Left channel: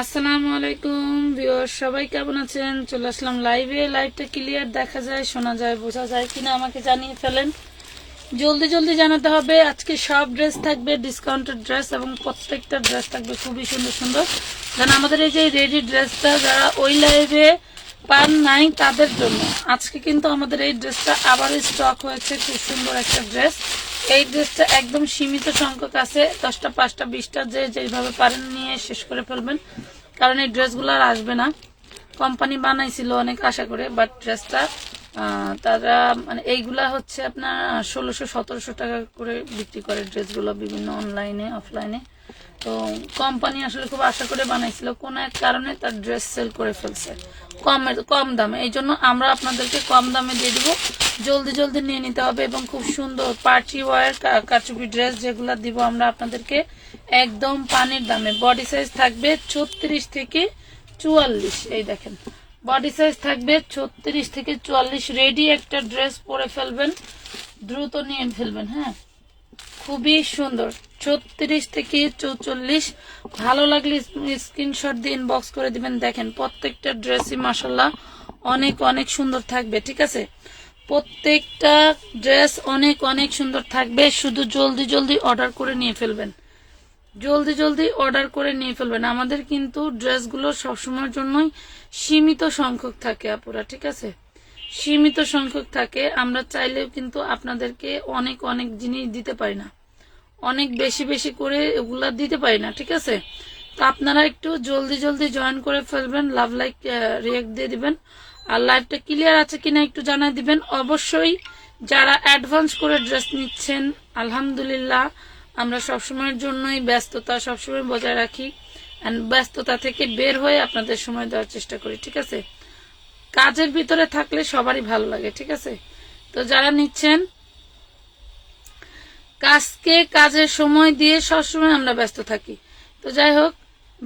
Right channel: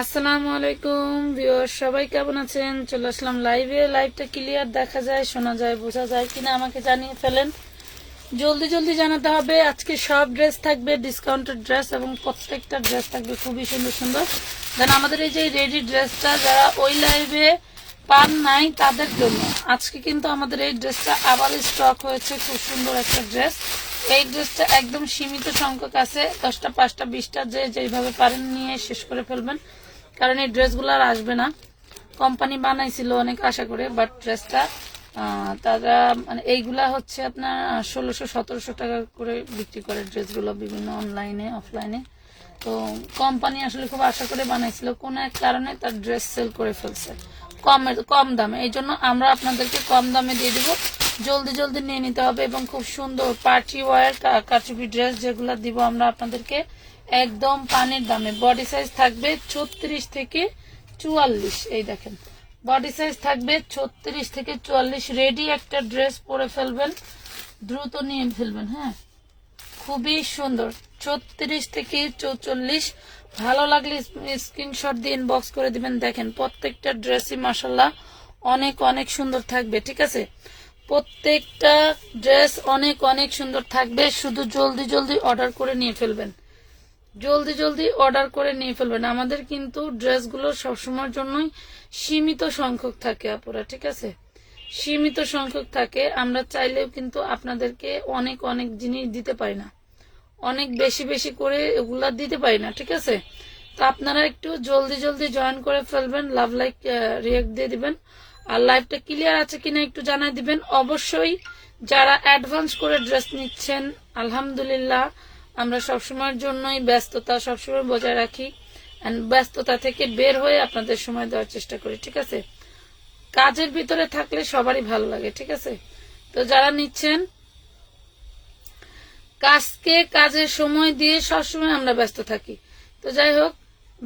আসসালামু আলাইকুম ভিউয়ার, সবাই কেমন আছেন? চলে আসলাম লাইভে। লাইভটা ক্লিয়ার দেখা যায়, শোনা যায়, বোঝা যায় কিনা আমাকে জানিয়ে ফেলেন। জলদি জলদি জানাতে হবে। আজকে সব ড্রেস থাকবে ডিসকাউন্টেড ড্রেস, এবং প্রত্যেকটা ড্রেস থাকবে খুবই সুন্দর সুন্দর। দেন আমাদের এই যে রেডি ড্রেসটা যারা ওই লাইভে পান নাই তাদের জন্য আজকে কিন্তু আমাদের এই ড্রেসটা আবারও স্টক হয়েছে। খুব সুন্দর একটা ড্রেস। এই ড্রেসটা একদম সীমিত সংখ্যক আছে, 10টা 5টা 20টা যে যেইভাবে পারেন নিয়ে শেষ করে ফেলবেন, কারণ এই ড্রেসগুলো আর আসবে না। কোম্পানি বানাইছিল অনেক আশা করে, বাট ড্রেসটা তারা মানে এইগুলা হচ্ছে আপনার 1600-1700 টাকা করে বিক্রি করে ড্রেসগুলো বিভিন্ন অনলাইনে অফলাইনে। তো কোম্পানি আসলে খুব আশা করে বানাইছিল, কোন এক কারণে তার ড্রেস সেল করে ফেলছে কম দামে। এই জন্য আমরা আপনাদেরকে কম দামে দিয়ে দিব, জলদি জলদি নিয়ে নিতে হবে। এবং খুব সুন্দর পার্টি ওয়ার কারচুপি ড্রেস যেগুলো দিব আমরা আপনাদেরকে একদম পানির দামে। বডি সাইজ থাকবে 36 থেকে 44। এই দেখেন, বডি সাইজ থাকবে 36 থেকে 44। রেডি একটা ড্রেস পরে ফেলবেন, দ্রুত নিয়ে ফেলবেন। হ্যাঁ, খুবই সুন্দর। 36 থেকে 44। ভালো লাগলে স্ক্রিনশট দিয়ে ইনবক্স করে দিবেন। দেখেন প্রত্যেকটা ড্রেসই মাশাআল্লাহ অনেক অনেক সুন্দর থাকবে। ঠিক আছে, প্রত্যেকটা ড্রেস অনেক অনেক সুন্দর থাকবে। শুধু জলদি জলদি অর্ডার করে নিয়ে ফেলবেন, জলদি জলদি অর্ডার করে নিয়ে ফেলবেন। আমাদের কিন্তু ড্রেসগুলো সবসময়ের জন্যই সীমিত সংখ্যক থাকে আপুরা। ঠিক আছে, সীমিত সংখ্যক থাকে। আমরা চাইলেও কিন্তু আপনাদেরকে অনেক অনেক জিনিস দিতে পারি না, অনেক বেশি বেশি করে এগুলা দিতে পারি না। ঠিক আছে, তো আপনারা একটু জলদি জলদি জয়েন করে ফেলবেন, লাভ লাইক রিয়েক্ট দিয়ে দিবেন। আর লাইভটা ক্লিয়ার আছে কিনা একটু জানাই দিবেন। অবশ্যই যারা অ্যাডভান্স করে ড্রেস নিচ্ছেন, আলহামদুলিল্লাহ আমরা সবসময়ের জন্যই ব্যস্ততা সবসময় বজায় রাখি, এন্ড ব্যস্ততা থেকে বের হয়ে আপনাদের সময় দেওয়ার চেষ্টা করি। ঠিক আছে, কাজের ভিতরে থাকলে সবারই ভালো লাগে। ঠিক আছে, তো যারা নিচ্ছেন কাজের সময় দিয়ে সবসময় আমরা ব্যস্ত থাকি। তো যাই হোক,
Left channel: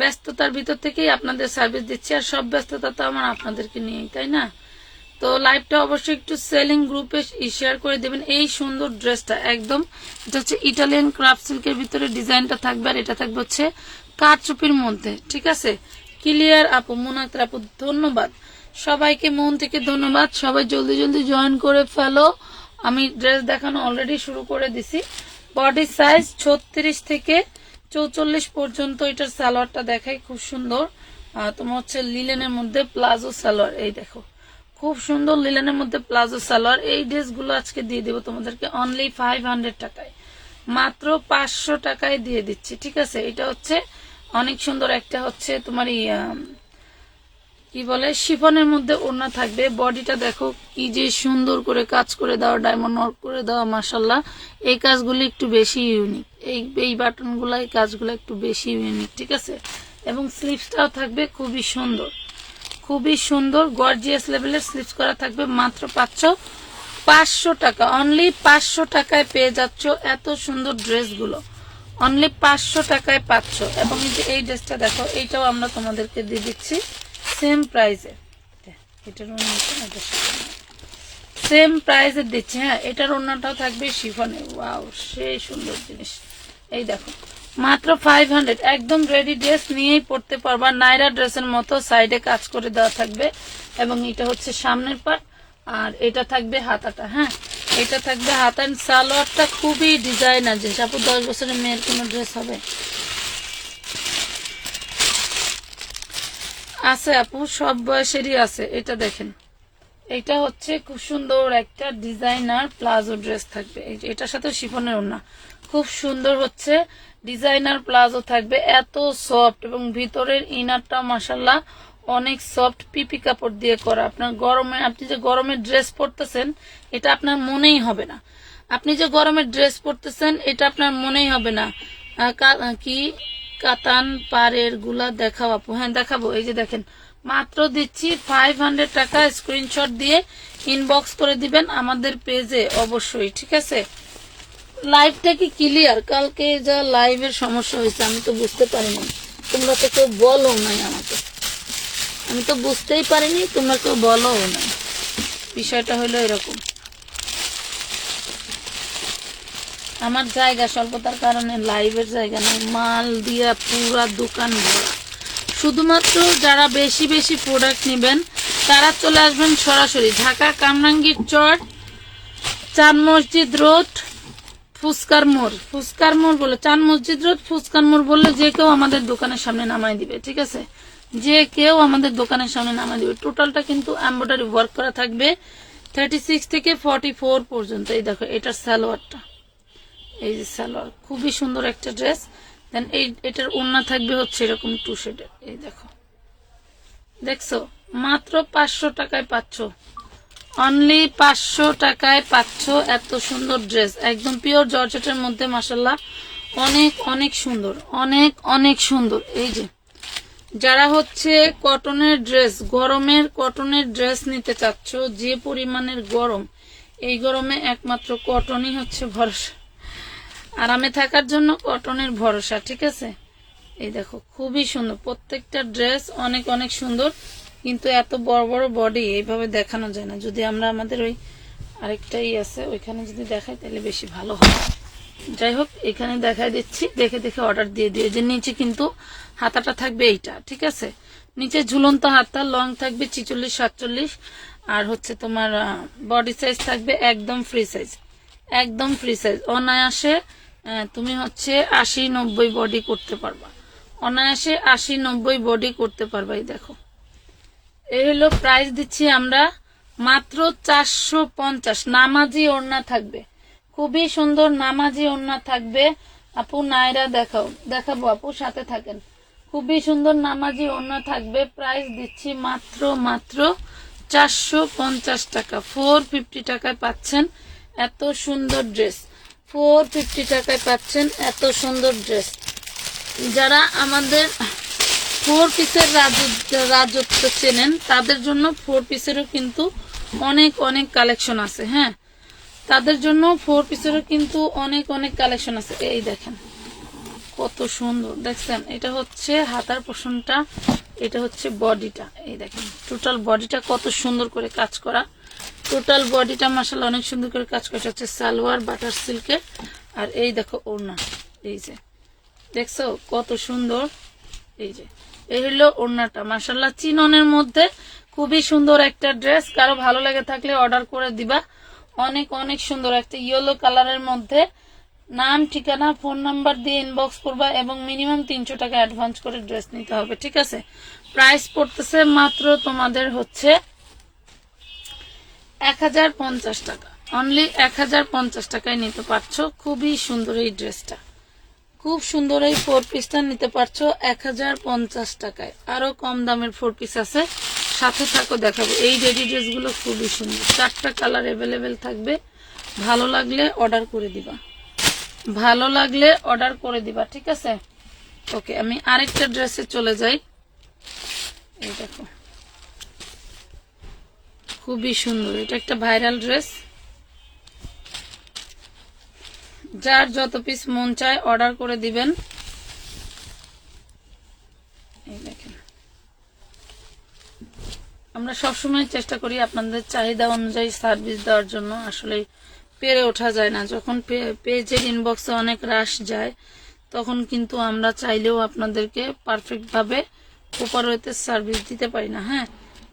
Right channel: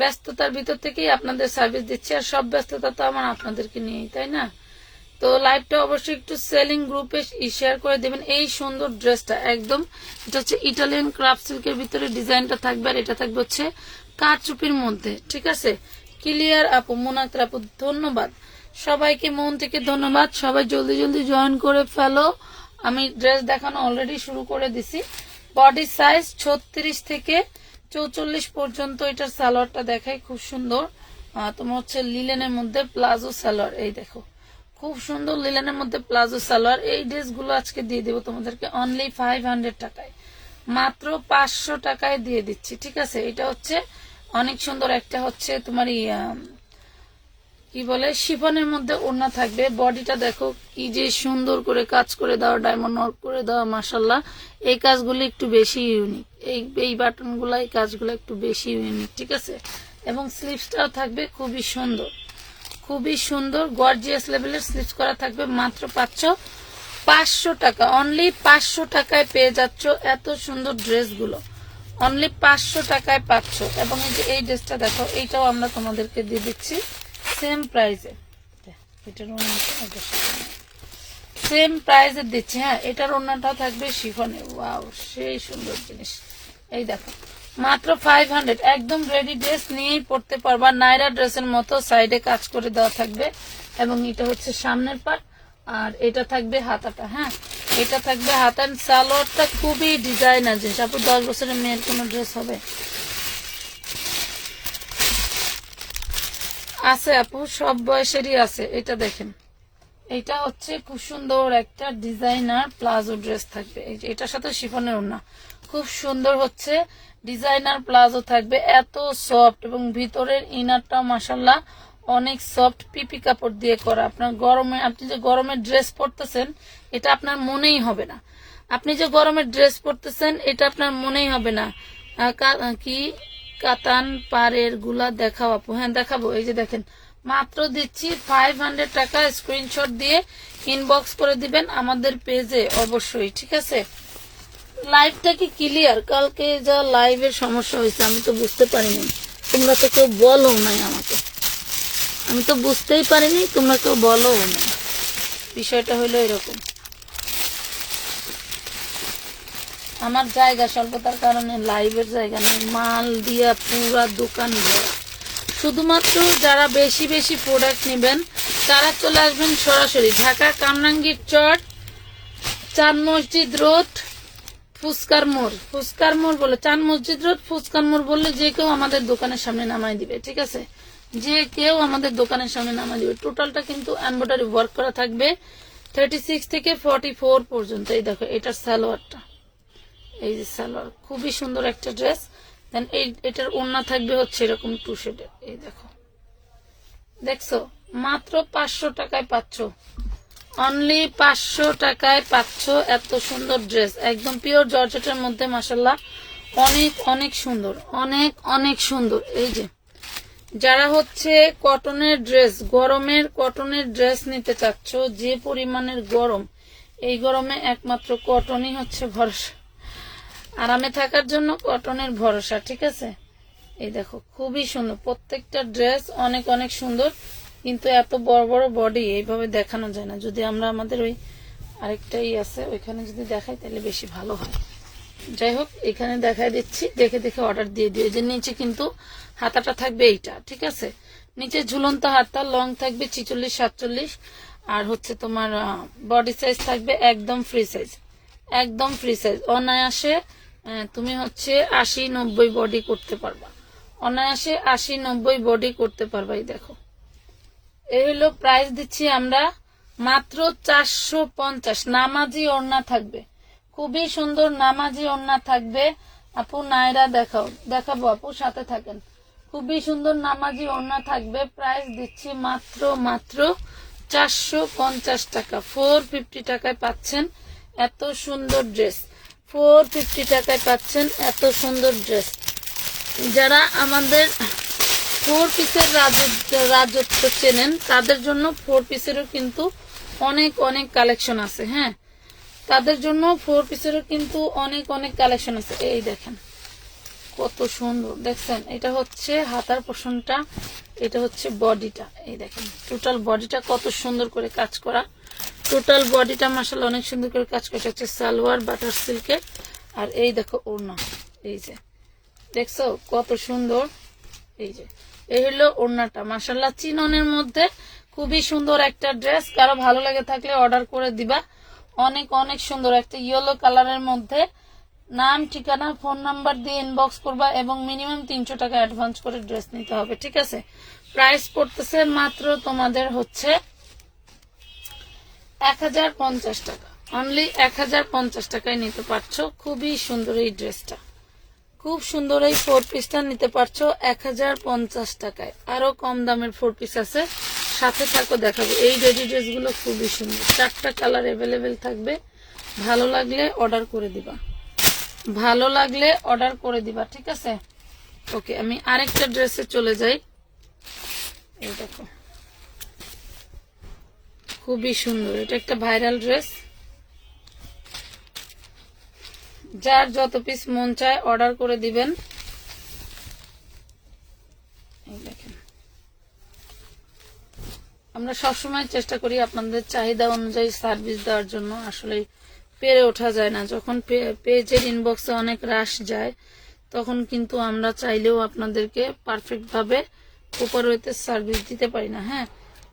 ব্যস্ততার ভিতর থেকেই আপনাদের সার্ভিস দিচ্ছি, আর সব ব্যস্ততা তো আমার আপনাদেরকে নিয়েই, তাই না? তো লাইভটা অবশ্যই একটু সেলিং গ্রুপে শেয়ার করে দেবেন। এই সুন্দর ড্রেসটা একদম, এটা হচ্ছে ইটালিয়ান ক্রাফট সিল্কের ভিতরে ডিজাইনটা থাকবে, আর এটা থাকবে হচ্ছে কারচুপির মধ্যে। ঠিক আছে, ক্লিয়ার আপু, মোনাক্তার আপু, ধন্যবাদ সবাইকে, মন থেকে ধন্যবাদ। সবাই জলদি জলদি জয়েন করে ফেলো। আমি ড্রেস দেখানো অলরেডি শুরু করে দিছি। বডি সাইজ 36 থেকে 44 পর্যন্ত। এটার সালোয়ারটা দেখাই, খুব সুন্দর। তোমার হচ্ছে লিলেনের মধ্যে প্লাজো সালোয়ার। এই দেখো, খুব সুন্দর লিলেনের মধ্যে প্লাজো সালোয়ার। এই ড্রেসগুলো আজকে দিয়ে দেবো তোমাদেরকে অনলি 500 টাকায়, মাত্র 500 টাকায় দিয়ে দিচ্ছি। ঠিক আছে, এটা হচ্ছে অনেক সুন্দর একটা হচ্ছে তোমার কি বলে শিফনের মধ্যে ওড়না থাকবে। বডিটা দেখো কি যে সুন্দর করে কাজ করে দেওয়া, ডায়মন্ড ওয়ার্ক করে দেওয়া, মাশাআল্লাহ। এই কাজগুলো একটু বেশি ইউনিক, এই বাটনগুলো, এই কাজগুলো একটু বেশি ইউনিক। ঠিক আছে, এবং স্লিভসটাও থাকবে খুবই সুন্দর, খুবই সুন্দর গর্জিয়াস লেভেলের স্লিভস করা থাকবে। মাত্র 500 টাকা, অনলি 500 টাকায় পেয়ে যাচ্ছ এত সুন্দর ড্রেসগুলো, অনলি 500 টাকায় পাচ্ছ। এবং এই ড্রেসটা দেখো, এইটাও আমরা তোমাদেরকে দিয়ে দিচ্ছি সেম প্রাইসে। এটার সেম প্রাইসে দিচ্ছে। হ্যাঁ, এটার ওড়নাটাও থাকবে শিফনে। ওয়াও, সেই সুন্দর জিনিস। এই দেখো, মাত্র 500। একদম রেডি ড্রেস নিয়েই পড়তে পারবা, নাইরা ড্রেসের মতো সাইডে কাজ করে দেওয়া থাকবে। এবং এটা হচ্ছে সামনের পার্ট, আর এটা থাকবে হাতাটা। হ্যাঁ, এটা থাকবে হাতা। সালোয়ারটা খুবই ডিজাইনার জিনিস আপু, 10 বছরের মেয়ের কোনো ড্রেস হবে? আছে আপু, সব বয়সেরই আছে। এটা দেখেন, এটা হচ্ছে খুব সুন্দর একটা ডিজাইনার প্লাজো ড্রেস থাকবে। এটার সাথে শিফনের ওড়না, খুব সুন্দর হচ্ছে ডিজাইনার প্লাজো থাকবে। এত সফট, এবং ভিতরের ইনারটা মাশাআল্লাহ অনেক সফট, পিপি কাপড় দিয়ে করা। আপনার গরমে, আপনি যে গরমের ড্রেস পরতেছেন এটা আপনার মনেই হবে না, আপনি যে গরমের ড্রেস পরতেছেন এটা আপনার মনেই হবে না। কি কাতান পাড়ের গুলা দেখাও আপু? হ্যাঁ দেখাবো। এই যে দেখেন, মাত্র দিচ্ছি 500 টাকা। স্ক্রিনশট দিয়ে ইনবক্স করে দিবেন আমাদের পেজে অবশ্যই। ঠিক আছে, লাইভটা কি ক্লিয়ার? কালকে যা লাইভের সমস্যা হয়েছে আমি তো বুঝতে পারিনি, তোমরা তো কেউ বলো নাই আমাকে, আমি তো বুঝতেই পারিনি, তোমরা কেউ বলো নাই। বিষয়টা হলো এরকম, আমার জায়গা স্বল্পতার কারণে লাইভের জায়গা নেই, মাল দিয়া পুরা দোকান ভরা, শুধুমাত্র যারা বেশি বেশি প্রোডাক্ট নেবেন তারা চলে আসবেন সরাসরি ঢাকা কামরাঙ্গীর চর, চাঁদ মসজিদ রোড, ফুচকার মোড় বলে চাঁদ মসজিদ রোড ফুচকার মোড় বললে যে কেউ আমাদের দোকানের সামনে নামাই দিবে। ঠিক আছে, যে কেউ আমাদের দোকানের সামনে নামাই দিবে। টোটালটা কিন্তু এমব্রয়ডারি ওয়ার্ক করা থাকবে 36 থেকে 44 পর্যন্ত। এই দেখো এটার সালোয়ারটা, এই যে সালোয়ার, খুবই সুন্দর একটা ড্রেস। দেন এটার ওড়না থাকবে হচ্ছে এরকম 2 শেডের। এই দেখো, দেখছো মাত্র 500 টাকায় পাচ্ছ, অনলি 500 টাকায় পাচ্ছ এত সুন্দর ড্রেস, একদম পিওর জর্জেটের মধ্যে। মাশাআল্লাহ অনেক অনেক সুন্দর, অনেক অনেক সুন্দর। এই যে যারা হচ্ছে কটনের ড্রেস, গরমের কটনের ড্রেস নিতে চাচ্ছ, যে পরিমাণের গরম, এই গরমে একমাত্র কটনই হচ্ছে ভরসা, আরামে থাকার জন্য কটনের ভরসা। ঠিক আছে, এই দেখো খুবই সুন্দর প্রত্যেকটা ড্রেস, অনেক অনেক সুন্দর। কিন্তু এত বড় বড় বডি এইভাবে দেখানো যায় না। যদি আমরা আমাদের ওই আরেকটাই আছে ওইখানে যদি দেখাই তাহলে বেশি ভালো হয়। যাই হোক এখানে দেখাই দিচ্ছি, দেখে দেখে অর্ডার দিয়ে দিও। যে নিচে কিন্তু হাতাটা থাকবে এইটা। ঠিক আছে, নিচে ঝুলন্ত হাতা, লং থাকবে 46 47, আর হচ্ছে তোমার বডি সাইজ থাকবে একদম ফ্রি সাইজ, একদম ফ্রি সাইজ। অনায়াসে তুমি হচ্ছে 80 90 বডি করতে পারবা, অনায়াসে 80 90 বডি করতে পারবা। এই দেখো, এই হলো প্রাইস দিচ্ছি আমরা মাত্র 450। নামাজি ওড়না থাকবে, খুবই সুন্দর নামাজি ওড়না থাকবে। আপু নাইরা দেখাবো আপু, সাথে থাকেন। খুবই সুন্দর নামাজি ওড়না থাকবে। প্রাইস দিচ্ছি মাত্র 450 টাকা। 450 টাকায় পাচ্ছেন এত সুন্দর ড্রেস, 450 টাকায় পাচ্ছেন এত সুন্দর ড্রেস। যারা আমাদের 4 পিসের রাজত্ব চেনেন তাদের জন্য 4 পিসেরও কিন্তু অনেক অনেক কালেকশন আছে। হ্যাঁ, তাদের জন্য 4 পিসেরও কিন্তু অনেক অনেক কালেকশন আছে। এই দেখেন কত সুন্দর, দেখছেন? এটা হচ্ছে হাতার পোর্শনটা, এটা হচ্ছে বডিটা। এই দেখেন টোটাল বডিটা কত সুন্দর করে কাজ করা, টোটাল বডিটা মাশাআল্লাহ অনেক সুন্দর করে কাজ করা হচ্ছে সালোয়ার বাটার সিল্কের। আর এই দেখো ওড়না, এই যে দেখছো কত সুন্দর। এই যে এই হলো ওড়নাটা, মাশাআল্লাহ চিননের মধ্যে খুবই সুন্দর একটা ড্রেস। কারো ভালো লাগে থাকলে অর্ডার করে দিবা। অনেক অনেক সুন্দর একটা ইয়েলো কালারের মধ্যে। নাম ঠিকানা ফোন নাম্বার দিয়ে ইনবক্স করবা এবং মিনিমাম 300 টাকা অ্যাডভান্স করে ড্রেস নিতে হবে। ঠিক আছে, প্রাইস পড়তেছে মাত্র তোমাদের হচ্ছে 1050 টাকা, অনলি 1050 টাকায় নিতে পারছো। খুবই সুন্দর এই ড্রেসটা, খুব সুন্দর এই 4 পিসটা নিতে পারছো 1050 টাকায়। আরো কম দামের 4 পিস আছে, সাথে থাকো দেখাবো। এই রেডি ড্রেসগুলো খুবই সুন্দর, 4টা কালার অ্যাভেলেবেল থাকবে। ভালো লাগলে অর্ডার করে দিবা, ভালো লাগলে অর্ডার করে দিবা। ঠিক আছে, ওকে আমি আরেকটা ড্রেসে চলে যাই। এই দেখো খুবই সুন্দর, এটা একটা ভাইরাল ড্রেস। যার যত পিস মন চায় অর্ডার করে দিবেন। এই দেখেন আমরা সবসময় চেষ্টা করি আপনাদের চাহিদা অনুযায়ী সার্ভিস দেওয়ার জন্য, আসলে পেরে ওঠা যায় না। যখন পেজের ইনবক্সে অনেক রাশ যায় তখন কিন্তু আমরা চাইলেও আপনাদেরকে পারফেক্ট ভাবে উপরতে সার্ভিস দিতে পারি না। হ্যাঁ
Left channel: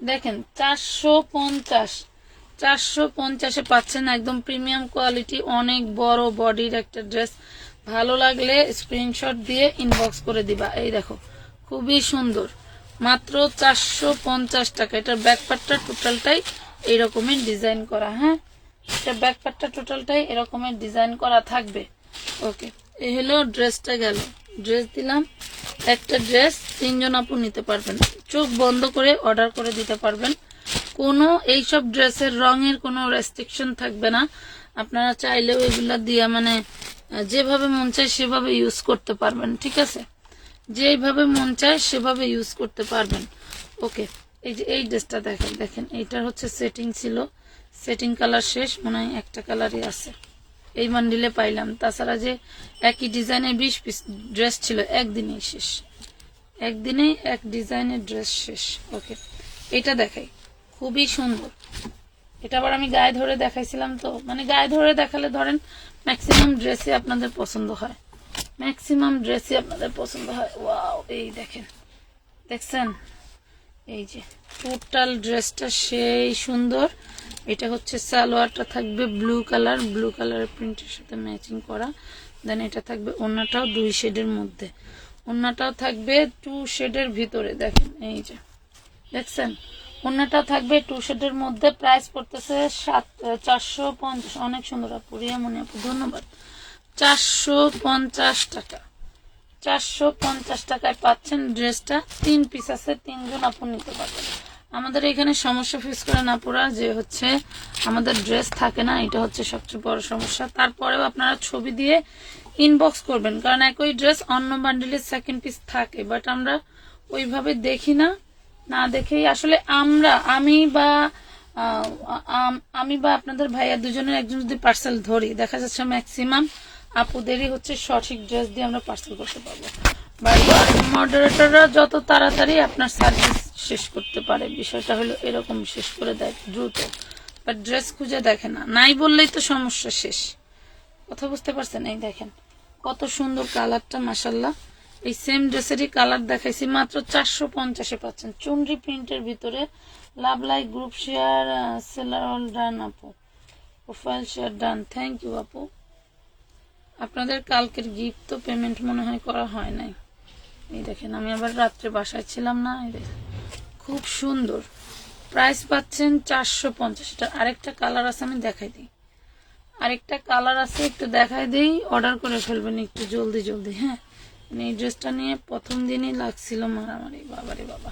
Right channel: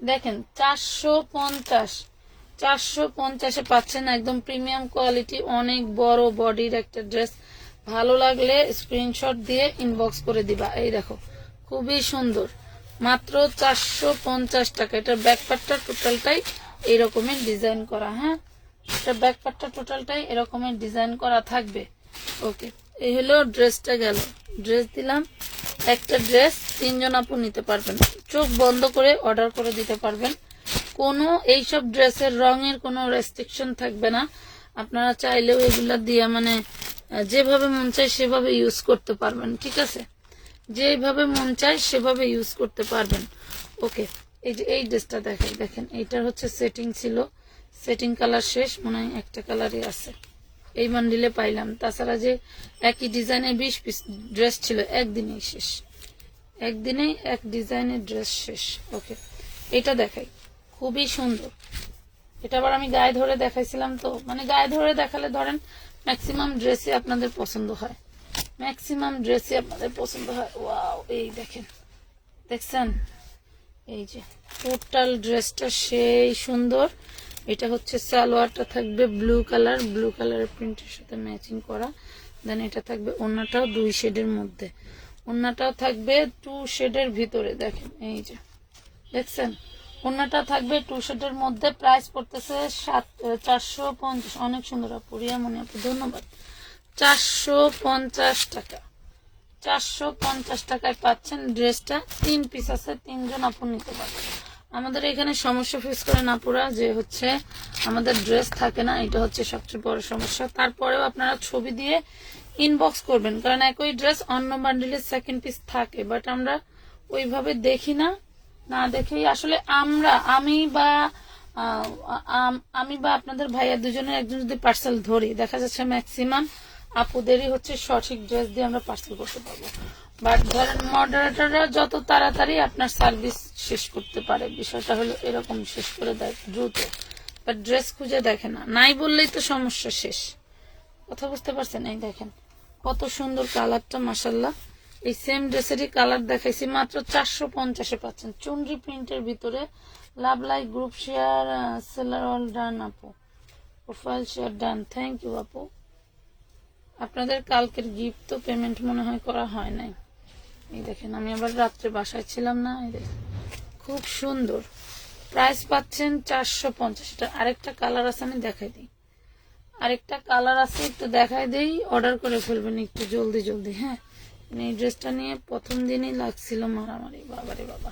দেখেন 450 পাচ্ছেন একদম প্রিমিয়াম কোয়ালিটি, অনেক বড় বডির একটা ড্রেস। ভালো লাগলে স্ক্রিনশট দিয়ে ইনবক্স করে দিবা। এই দেখো খুবই সুন্দর, মাত্র 450 টাকা। এটার ব্যাকপার্টটা টোটালটাই এইরকমের ডিজাইন করা। হ্যাঁ, এটা ব্যাকপার্টটা টোটালটাই এরকমের ডিজাইন করা থাকবে। ওকে, এই হলো ড্রেসটা গেল। ড্রেস দিলাম একটা ড্রেস, 3 জন আপু নিতে পারবেন, চোখ বন্ধ করে অর্ডার করে দিতে পারবেন। কোনো এইসব ড্রেসের রঙের কোনো রেস্ট্রিকশন থাকবে না। আপনারা চাইলেও এগুলা দিয়ে মানে যেভাবে মন চায় সেভাবে ইউজ করতে পারবেন। ঠিক আছে, যেভাবে মন চায় সেভাবে ইউজ করতে পারবেন। ওকে, এই যে এই ড্রেসটা দেখেন, দেখেন এইটার হচ্ছে সেটিং ছিল, সেটিং কালার শেষ, মনে হয় একটা কালারই আছে, এই বান্ডিলে পাইলাম। তাছাড়া যে একই ডিজাইনে 20 পিস ড্রেস ছিল, একদিনেই শেষ, একদিনেই এক ডিজাইনের ড্রেস শেষ। ওকে, এটা দেখাই, খুবই সুন্দর। এটা আবার আমি গায়ে ধরে দেখাইছিলাম, তো মানে গায়ে ধরে দেখালে ধরেন ম্যাক্সিমাম ড্রেসই আপনাদের পছন্দ হয়, ম্যাক্সিমাম ড্রেসই আপনাদের পছন্দ হয়। ওয়াও, এই দেখেন দেখছেন, এই যে টোটাল ড্রেসটা সেই সুন্দর। এটা হচ্ছে সালোয়ারটা থাকবে ব্লু কালারের প্রিন্টের সাথে ম্যাচিং করা। দেন এটা থাকবে ওড়নাটাও 2 শেডের মধ্যে, ওড়নাটাও থাকবে 2 শেডের ভিতরে। দেখেন এই যে দেখছেন, ওড়নাটাও থাকবে 2 শেডের মধ্যে। প্রাইস পড়তেছে 450। অনেক সুন্দর আপু, রিয়ামণি আপু ধন্যবাদ। 450 টাকা, 450 টাকায় পাচ্ছেন ড্রেসটা। 3 পিস আছে, 3 জন আপু নিতে পারবেন। আমাদের এখানে সমস্যা ফেস করেন আপুরা যে হচ্ছে আমাদের ড্রেস থাকে না, এটা হচ্ছে সবচেয়ে বড় সমস্যা। তারপরেও আপনারা ছবি দিয়ে ইনবক্স করবেন, কারণ একই ড্রেস অন্য বান্ডিলের সেকেন্ড পিস থাকে, বাট আমরা ওইভাবে দেখি না। না দেখেই আসলে আমি বা আপনাদের ভাইয়া দুজনের একজন যদি পার্সেল ধরি, দেখা যাচ্ছে ম্যাক্সিমাম আপুদেরই হচ্ছে সঠিক ড্রেস দিয়ে আমরা পার্সেল করতে পারবো। বারবার মডারেটররা যত তাড়াতাড়ি আপনার সার্ভিস শেষ করতে পারে, বিষয়টা হলো এরকম, শেষ করে দেয় দ্রুত, বাট ড্রেস খুঁজে দেখে না। নাই বললেই তো সমস্যা শেষ। কথা বুঝতে পারছেন? এই দেখেন কত সুন্দর কালারটা, মাশাল্লাহ। এই সেম ড্রেসেরই কালার দেখাইছি, মাত্র 450-এ পাচ্ছেন। চুনরি প্রিন্টের ভিতরে love like group share, seller all done আপু, profile share done. Thank you আপু। আপনাদের কালকের গিফট তো পেমেন্ট মনে হয় করা হয় নাই। এই দেখেন, আমি আবার রাত্রে বাসায় ছিলাম না। খুব সুন্দর, প্রাইস পাচ্ছেন 450। এটা আরেকটা কালার আছে, আমি দেখাই দিই। আরেকটা কালার আছে, একটু দেখাই দিই। অর্ডার করে ফেলবেন একটু জলদি জলদি, হ্যাঁ। এই ড্রেসটা নিয়ে প্রথম দিনই লাগছিল মারামারি, বাবারে বাবা।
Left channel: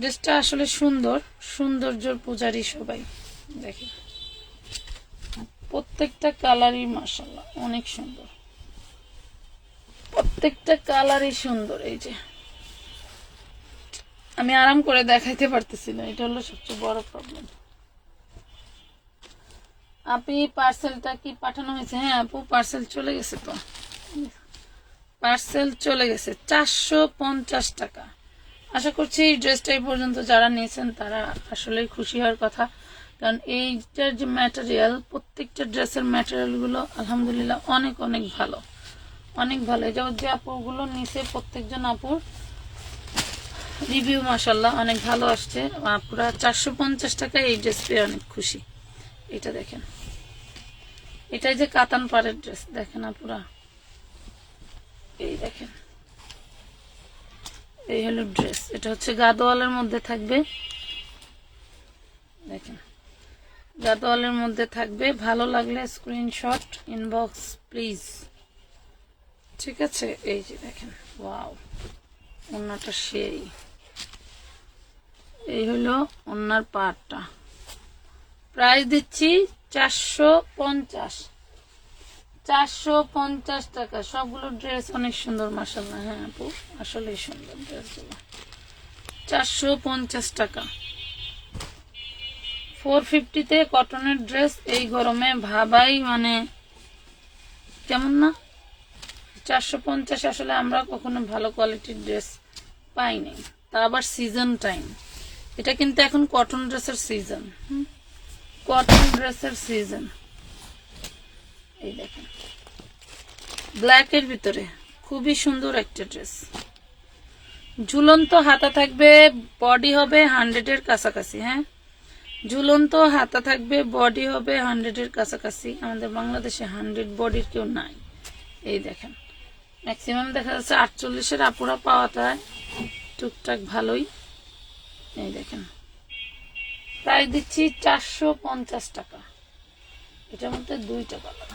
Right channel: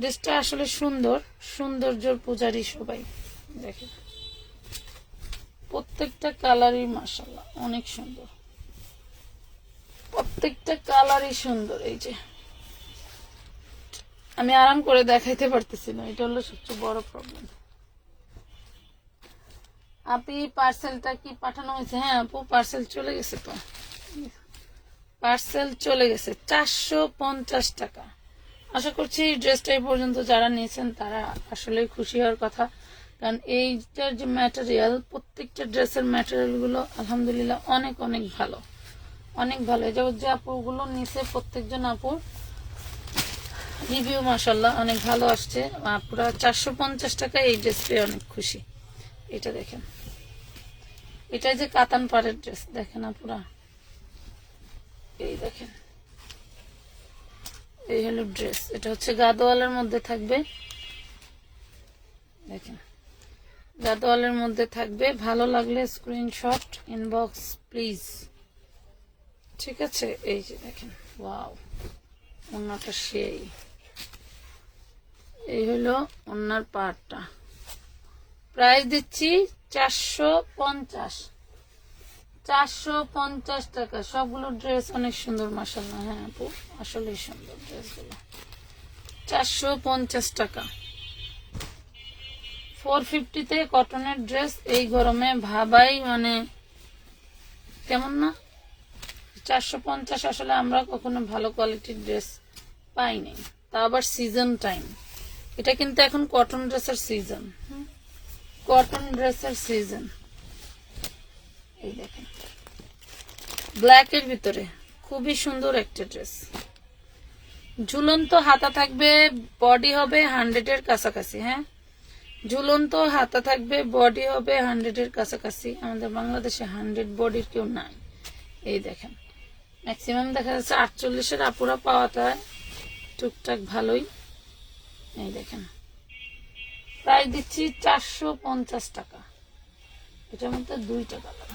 ড্রেসটা আসলে সুন্দর, সৌন্দর্যের পূজারি সবাই। দেখেন প্রত্যেকটা কালারই মাশাআল্লাহ অনেক সুন্দর, প্রত্যেকটা কালারই সুন্দর। এই যে আমি আরাম করে দেখাইতে পারতেছি না, এটা হলো সবচেয়ে বড় প্রবলেম। আপনি পার্সেলটা কি পাঠানো হয়েছে? হ্যাঁ আপু, পার্সেল চলে গেছে তো, পার্সেল চলে গেছে। 450 টাকা। আশা করছি এই ড্রেসটা এই পর্যন্ত যারা নিয়েছেন তারা আসলে খুশি হওয়ার কথা, কারণ এইটার যে ম্যাটেরিয়াল, প্রত্যেকটা ড্রেসের ম্যাটেরিয়াল গুলো আলহামদুলিল্লাহ অনেক অনেক ভালো, অনেক ভালো। এটা যে আপুগুলো নিচে প্রত্যেকজন আপুর রিভিউ মাশাআল্লাহ অনেক ভালো আসছে। আপুরা 450 টাকা এই ড্রেস পেয়ে অনেক খুশি। এটা দেখেন, এটাই যে কাতান পাড়ের ড্রেস, দেখেন আপুরা, এই দেখেন, এই হলো ড্রেস। এটা হচ্ছে গাদোয়ালের মধ্যে থাকবে, দেখেন গাদোয়ালের মধ্যে থাকবে। ভালো লাগলে স্ক্রিনশট ইনবক্স প্লিজ, ঠিক আছে? এই যে দেখেন, ওয়াও, ওন্নাটা সেই। এই হলো ওন্নার পাটটা। প্রাইস দিচ্ছি 450, 450 টাকা। সবগুলো ড্রেস অনেক সুন্দর মাশাআল্লাহ। হ্যাঁ আপু, আসলে সুন্দর ড্রেসগুলো। 450 টাকা। 450-তে কটনের ড্রেস এই গরমে ভাবাই মানে কেমন না? 450 আসলে আমরা কখনো ভালো কোয়ালিটির ড্রেস পাই নাই, তা আবার সিজন টাইম। এটা কিন্তু এখন কটন ড্রেসের সিজন, কটন ড্রেসের সিজন। এই দেখেন ব্ল্যাক এর ভিতরে খুবই সুন্দর একটা ড্রেস। ঝুলন্ত হাতা থাকবে, বডি হবে 100-এর কাছাকাছি। হ্যাঁ, ঝুলন্ত হাতা থাকবে, বডি হবে 100-এর কাছাকাছি। আমাদের বাংলাদেশে 100 বডির কেউ নাই। এই দেখেন, ম্যাক্সিমাম দেখা যাচ্ছে 48-এর আপুরা পাওয়া যায় টুকটাক ভালোই। এই দেখেন, প্রাইস দিচ্ছি 450 টাকা। এটার মধ্যে 2টা কালার।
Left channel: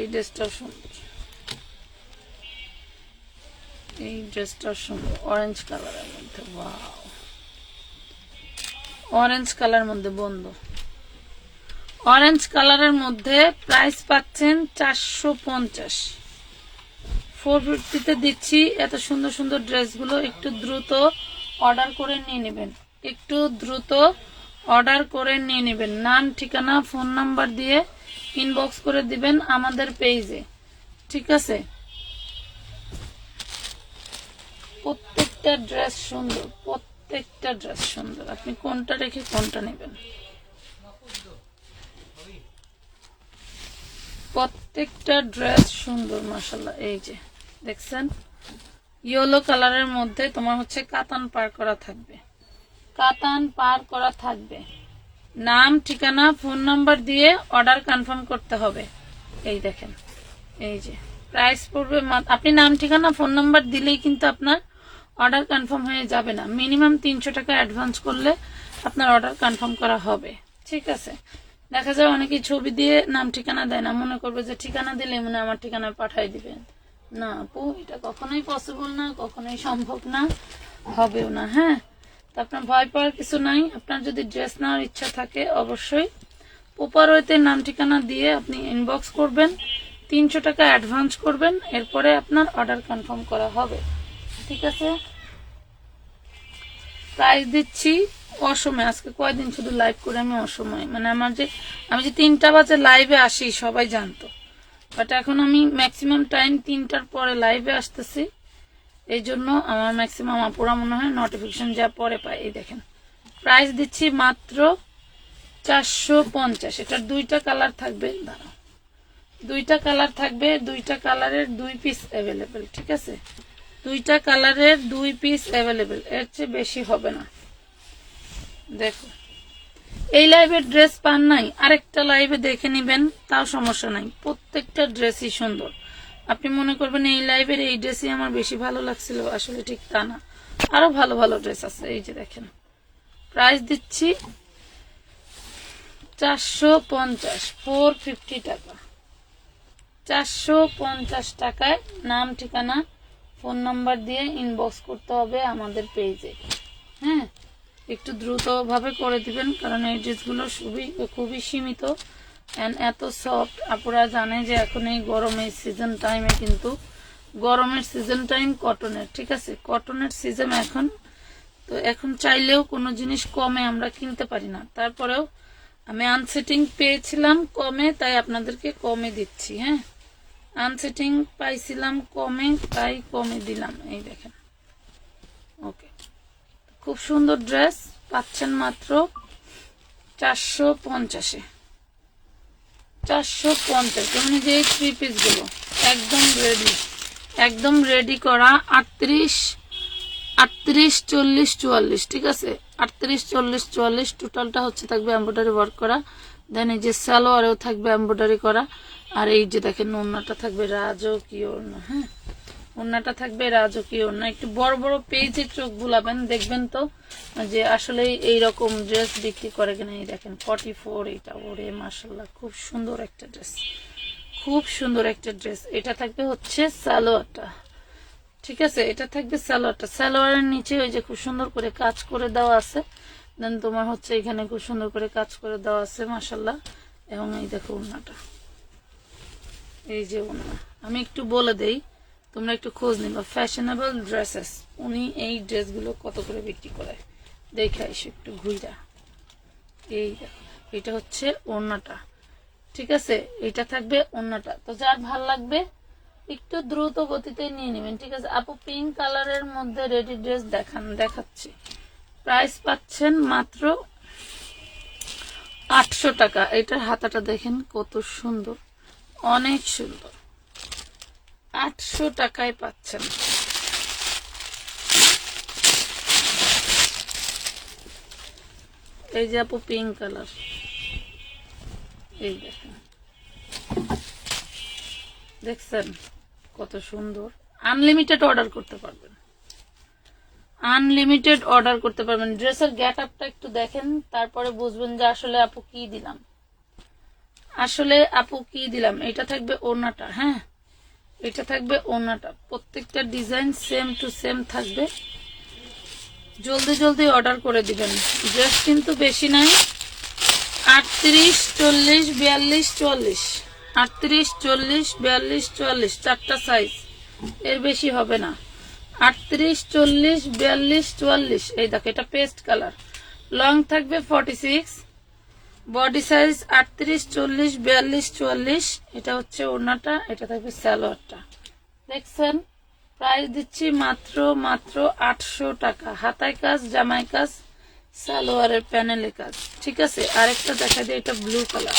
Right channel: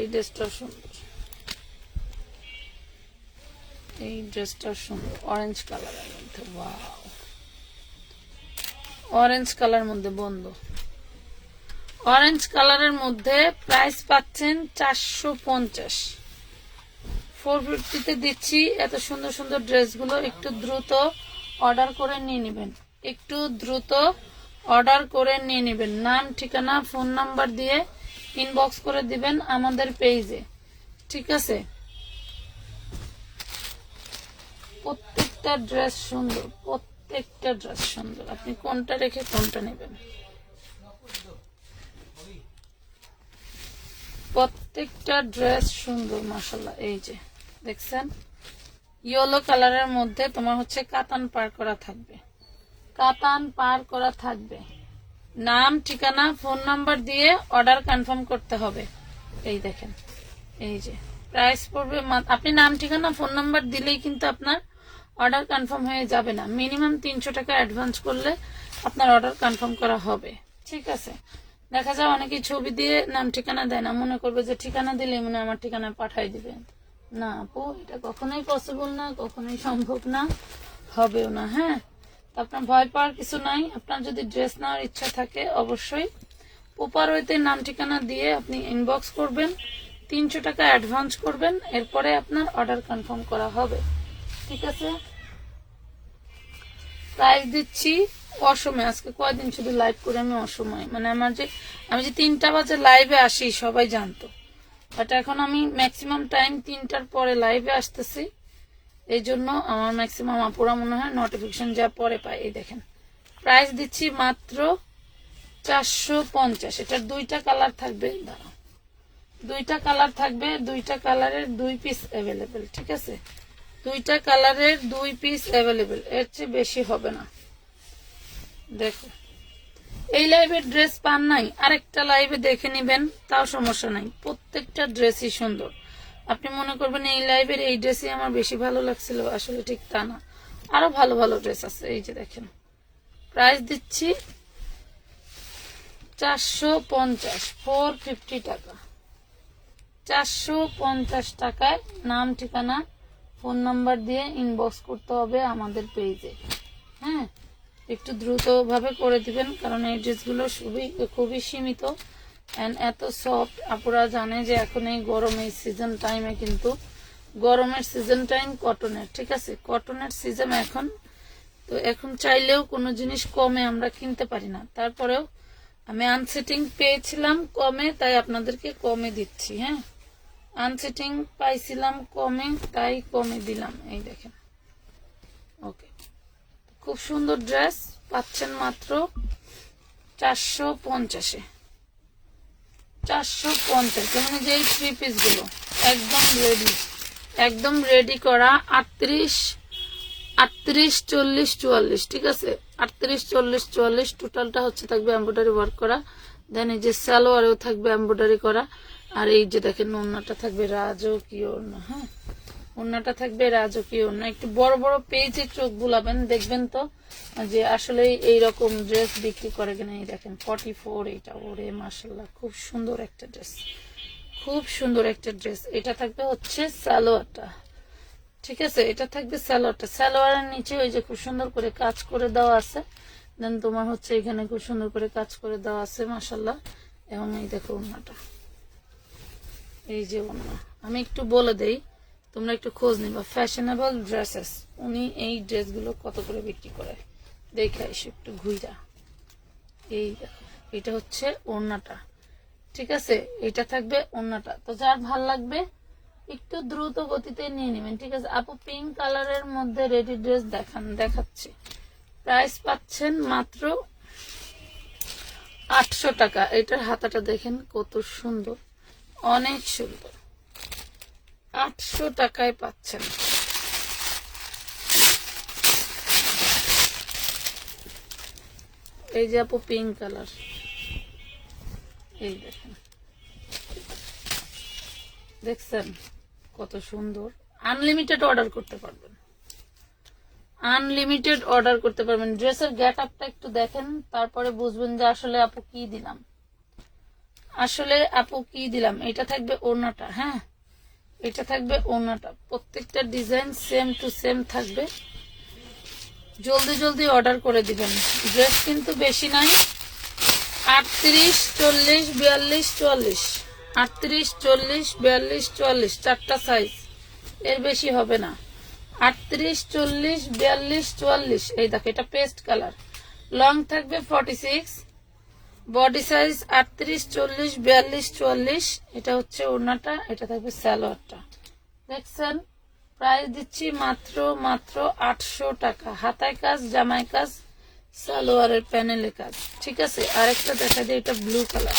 এই ড্রেসটাও সুন্দর, এই ড্রেসটাও সুন্দর, অরেঞ্জ কালারের মধ্যে। ওয়াও, অরেঞ্জ কালার মধ্যে বন্ধু, অরেঞ্জ কালারের মধ্যে প্রাইস পাচ্ছেন 450। 450-তে দিচ্ছি। এত সুন্দর সুন্দর ড্রেসগুলো একটু দ্রুত অর্ডার করে নিয়ে নেবেন, একটু দ্রুত অর্ডার করে নিয়ে নেবেন। নাম, ঠিকানা, ফোন নাম্বার দিয়ে ইনবক্স করে দিবেন আমাদের পেজে, ঠিক আছে? প্রত্যেকটা ড্রেস সুন্দর, প্রত্যেকটা ড্রেস সুন্দর। আপনি কোনটা রেখে কোনটা নেবেন? প্রত্যেকটা ড্রেস সুন্দর মাশাআল্লাহ। এই যে দেখছেন ইয়েলো কালারের মধ্যে তোমার হচ্ছে কাতান পার করা থাকবে, কাতান পার করা থাকবে। নাম ঠিকানা ফোন নাম্বার দিয়ে অর্ডার কনফার্ম করতে হবে। এই দেখেন এই যে প্রাইস পড়বে, আপনি নাম ঠিকানা ফোন নাম্বার দিলেই কিন্তু আপনার অর্ডার কনফার্ম হয়ে যাবে না। মিনিমাম 300 টাকা অ্যাডভান্স করলে আপনার অর্ডার কনফার্ম করা হবে। ঠিক আছে, দেখা যায় অনেকেই ছবি দিয়ে নাম ঠিকানা দেয় না, মনে করবে যে ঠিকানা দিলে মনে আমার ঠিকানায় পাঠিয়ে দিবেন। না আপু, এটা কখনোই পসিবল না, কখনোই সম্ভব না, হবেও না। হ্যাঁ, তো আপনার ভয় পাওয়ার কিছু নাই। আপনার যদি ড্রেস নেওয়ার ইচ্ছা থাকে অবশ্যই উপরতে নাম ঠিকানা দিয়ে আপনি ইনবক্স করবেন, 300 টাকা অ্যাডভান্স করবেন, এরপরে আপনার অর্ডার কনফার্ম করা হবে। ঠিক আছে, প্রাইস দিচ্ছি অসময়। আজকে কয়দিন শুধু লাইভ করে আমি অসময়, মানে আমি যে 3টা বাজে লাইভে আসি সবাই জানতো, বাট এখন আমি ম্যাক্সিমাম টাইম 3টার পরে লাইভে আসতেছি। এই জন্য আমার ম্যাক্সিমাম আপুরা মনে হয় নোটিফিকেশন যা পরে পায়। এই দেখেন প্রাইস দিচ্ছি মাত্র 450। এটার 2টা কালার থাকবে, দুইটা কালার থাকবে, 2টা কালারের 2 পিস অ্যাভেলেবেল। ঠিক আছে, 2টা কালারের 2 পিস অ্যাভেলেবেল, এর চেয়ে বেশি হবে না। দেখো এই লাইভের ড্রেস পান নাই, আরেকটা লাইভে দেখে নিবেন, তাও সমস্যা নাই। প্রত্যেকটা ড্রেসই সুন্দর। আপনি মনে করবেন এই লাইভের এই ড্রেসই আমার বেশি ভালো লাগছিল, আসলে ঠিক তা না, আরো ভালো ভালো ড্রেস আছে। এই যে দেখেন প্রাইস দিচ্ছি 450, 450 টাকা, 450 টাকায় নাম ঠিকানা ফোন নাম্বার দিয়ে ইনবক্স করতে হবে আমাদের পেজে। হ্যাঁ, একটু দ্রুত ভাবে করে দিবেন, কারণ এই ড্রেসগুলো খুবই সীমিত এন্ড এত সফট। আপুরা জানে যে এখন এই গরমের সিজন টাইমে, কিন্তু গরমের সিজন টাইম কটনের। ঠিক আছে, কটনের সিজন এখন, তো এখন চাইলেও কোনো জিনিস কমে আমরা কিনতে পারি না। তারপরেও আমি আনসেটিং পেয়েছিলাম কমে, তাই আপনাদেরকে কমে দিচ্ছি। হ্যাঁ, আনসেটিং পাইছিলাম কমে, তাই কমে দিলাম। এই দেখেন, ওকে, খুব সুন্দর ড্রেস পাচ্ছেন মাত্র 450-এ। 450, যেমন যে 3 পিস গুলো একদম রেডি করা। 38, 40, 44। ঠিক আছে, 38, 40, 44 টোটালটা হচ্ছে থাকবে এমব্রয়ডারি ওয়ার্ক করা। দেন এই যে সালোয়ারেও থাকবে এমব্রয়ডারি করা। আর এই যে দেখেন ওড়নাটা থাকবে রাজকীয় ওড়না। হ্যাঁ, ওড়নাটা থাকবে রাজকীয় ওড়না। একটু বড় বড় পেজে চোখ বুলাবেন, দেখবেন তো যে আসলে এইরকম ড্রেস বিক্রি করে কিনা। এই দেখেন 44, এটা ওরে মাশাআল্লাহ, খুব সুন্দর একটা ড্রেস, খুব সুন্দর একটা ড্রেস। এটা থাকবে হচ্ছে সালোয়ারটা। ঠিক আছে, এটা থাকবে সালোয়ারটা। সালোয়ারের নিচে ওই যে খুব সুন্দর করে কাজ করে দেওয়া আছে। দেন তোমার হচ্ছে এখানে খুব সুন্দর করে কাজ করে দেওয়া আছে মাশাআল্লাহ। এবং এই দেখো ওড়নাটা, এই যে ওড়না। আমি একটু বলে দেই, তোমরা একটু খোঁজ নিবা ফ্যাশনেবল ড্রেসেস, উনি এই ড্রেসগুলো কত করে বিক্রি করে দেখে আসি একটু ঘুরে। এই এটা হচ্ছে ওড়নাটা। ঠিক আছে, এটা থাকবে ওড়নাটা। তো যার ভাল লাগবে একটু দ্রুত গতিতে নিয়ে নেবেন। ঠিক আছে আপু, পিঙ্ক কালারের মধ্যে রেডি ড্রেস দেখাচ্ছি। প্রাইস পাচ্ছেন মাত্র 800 টাকা। এটার হাতাটা দেখেন কত সুন্দর, অনেক সুন্দর। 800 টাকায় পাচ্ছেন। এই যে আপু পিঙ্ক কালার, এই দেখেন, দেখছেন কত সুন্দর। আনলিমিটেড অর্ডার করতে পারবেন, আনলিমিটেড অর্ডার করতে পারবেন। ড্রেসের গেট আপটা একটু দেখেন, তারপরে বুঝবেন যে আসলে আপু কি দিলাম, আসলে আপু কি দিলাম। এটা থাকবে ওড়নাটা। হ্যাঁ, এটা থাকবে ওড়নাটা। প্রত্যেকটা ডিজাইন সেম টু সেম থাকবে। জলদি জলদি অর্ডার করে দিবেন। ড্রেস কিন্তু বেশি নাই, 38, 40, 42, 44, 38, 40, 42, 44, 4টা সাইজ, এর বেশি হবে না। 38, 40, 42, 44। এই দেখো এটা পেস্ট কালার, লং থাকবে 46, বডি সাইজ 38, 40, 42, 44। এটা হচ্ছে ওড়নাটা, এটা থাকবে সালোয়ারটা। দেখছেন, প্রাইস দিচ্ছি মাত্র 800 টাকা। হাতায় কাজ, জামায় কাজ, সালোয়ারের প্যানেলে কাজ। ঠিক আছে, আরেকটা দেখা যায়, এটা ব্লু কালার,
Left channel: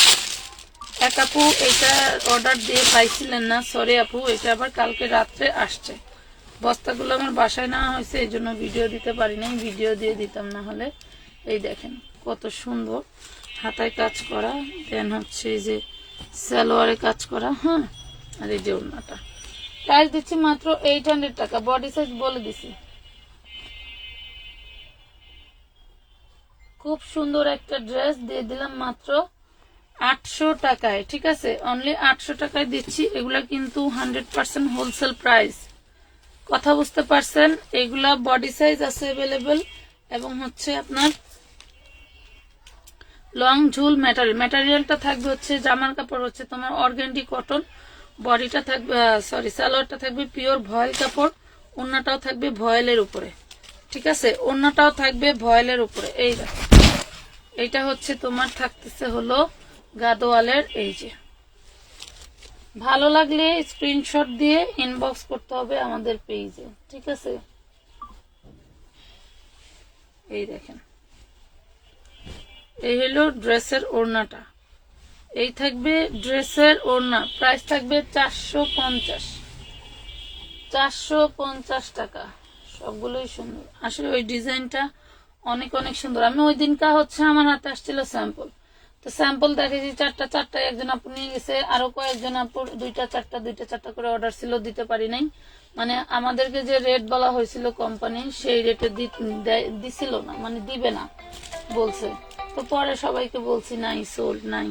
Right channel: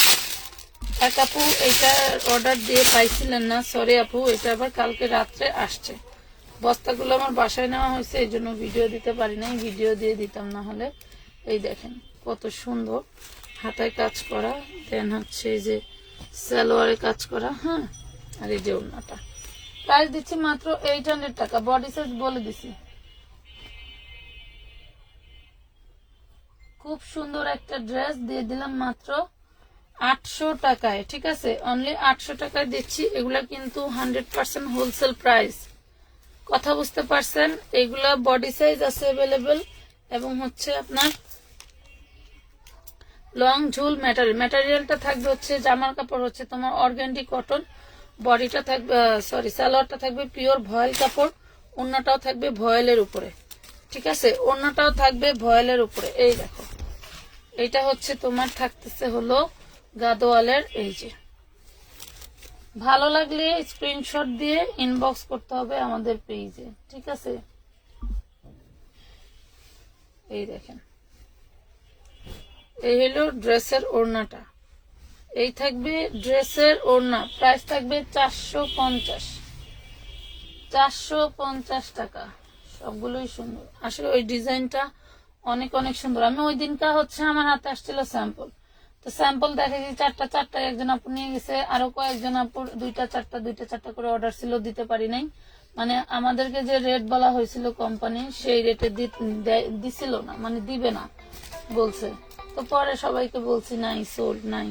এক আপু এটা অর্ডার দিয়ে পাইছিলেন না, সরি আপু, এটা আবার কালকে রাত্রে আসছে। বস্তাগুলো আমার বাসায় নেওয়া হয়েছে, এই জন্য ভিডিও দিতে পারি নাই, ভিডিও দিয়ে দিতাম না হলে। এই দেখেন কত সুন্দর হাতায় কাজ করা, দেন হচ্ছে এই যে সালোয়ারে কাজ করা। হ্যাঁ, আর এই যে ওড়নাটা। প্রাইস দিচ্ছি মাত্র 800 টাকা। বডি সাইজ বলে দিছি। খুব সুন্দর একটা ড্রেস দিয়ে দিলাম মাত্র 800 টাকায়। ঠিক আছে, অনলি 800 টাকায় দিচ্ছি। এগুলা কিন্তু 100% হোলসেল প্রাইস। কথা বুঝতে পারছেন? এগুলা বডি সাইজ আছে अवेलेबल এবং হচ্ছে আপনার লং ঝুল ম্যাটেরিয়ালটা থাকবে হচ্ছে জামার কাপড় হচ্ছে তোমার অর্গানডি কটন, বডিটা থাকবে সালোয়ারটা থাকবে পিওর ভয়েল কাপড়, ওড়নাটাও থাকবে ভয়েলের উপরে। ঠিক আছে, ওড়নাটাও থাকবে ভয়েলের উপরে। এই দেখো, এইটা হচ্ছে তোমার থাকতেছে হলো গাদোয়ালের। এই যে ভালো লাগলে স্ক্রিনশট দিয়ে ইনবক্স করতে হবে আমাদের পেজে। ঠিক আছে, এই দেখেন, এই হলো ড্রেসের ওড়নাটা। এই থাকবে ড্রেসের ওড়না। প্রাইস থাকবে 450 টাকা। সবগুলোই সুন্দর আসলে, ওই ডিজাইনটা অনেক অনেক সুন্দর। আমি ওই দিনটা হচ্ছে আমার হাতে আসছিল স্যাম্পল, তো স্যাম্পল দেখেছি চারটা একজন আপু নিয়ে গেছে, আরো কয়েকজন আপুর দুইটা চারটা করে অর্ডার ছিল, দিতে পারি নাই। মানে আমাদেরকে যে রেট বলা হয়েছিল কোম্পানি, সেই রেটে দিছিল না, মানে দিবে না বলছে। তো পরে সবাইকে বলছি নাই, সোল্ড নাই।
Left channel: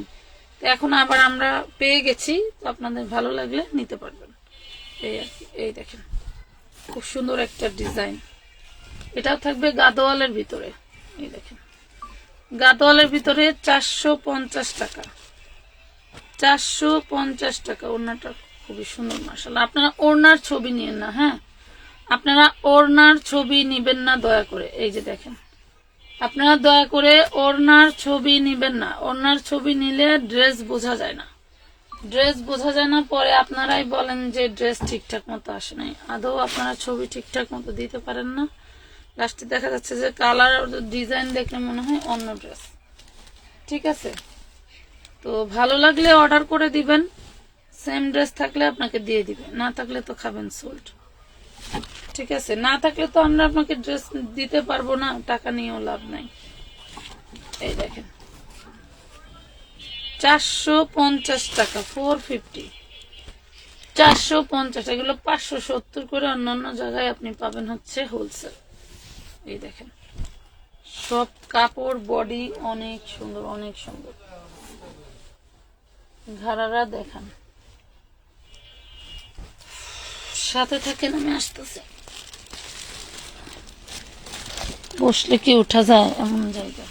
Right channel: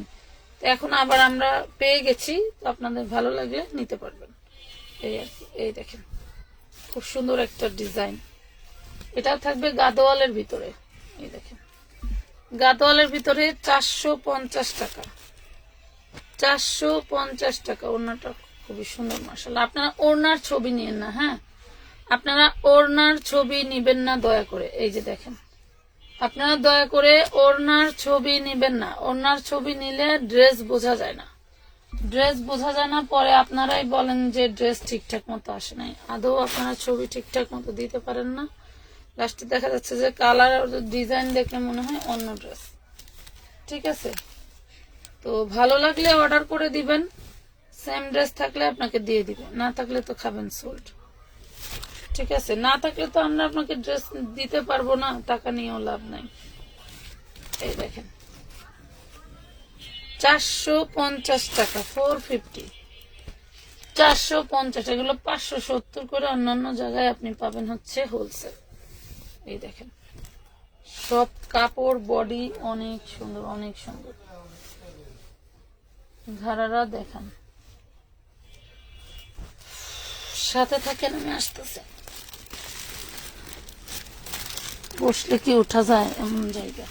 তো এখন আবার আমরা পেয়ে গেছি, তো আপনাদের ভালো লাগলে নিতে পারবেন। এই আর কি। এই দেখেন খুব সুন্দর একটা ডিজাইন। এটাও থাকবে গাদোয়ালের ভিতরে। এই দেখেন গাদোয়ালের ভিতরে 450 টাকা। 450 টাকা। ওড়নাটা খুবই সুন্দর মাশাআল্লাহ। আপনারা ওড়নার ছবি নিয়েন না, হ্যাঁ, আপনারা ওড়নার ছবি নিবেন না দয়া করে। এই যে দেখেন, আপনারা দয়া করে ওড়নার ছবি নিবেন না। ওড়নার ছবি নিলে ড্রেস বোঝা যায় না, ড্রেস বোঝা যায় না। পরে আপনারাই বলেন যে ড্রেস ঠিকঠাক মতো আসে নাই। আদৌ আপনারা ছবি ঠিকঠাক মতো দিতে পারেন না। লাস্টে দেখা যাচ্ছে যে কালার ডিজাইন দেখে মনে হয় অন্য ড্রেস। ঠিক আছে, তো ভালো লাগলে অর্ডার করে দিবেন। সেম ড্রেস থাকলে আপনাকে দিয়ে দিবেন, না থাকলে তো খাবেন সোল্ড। ঠিক আছে, না থাকলে তো আমরা আপনাকে ড্রেস দিতে পারবো না, টাকা নিয়েও লাভ নাই। এই দেখেন 450 টাকা, 450, 450। এগুলো 570 করে অন্যান্য জায়গায় আপনি পাবেন হচ্ছে হোলসেল। এই দেখেন সব কাপড় বডি অনেক সুন্দর, অনেক সুন্দর। ঘাড়ারা দেখান, সাথে থাকেন, আমি আসতেছে। বসলে কি উঠা যায় এমন জায়গা।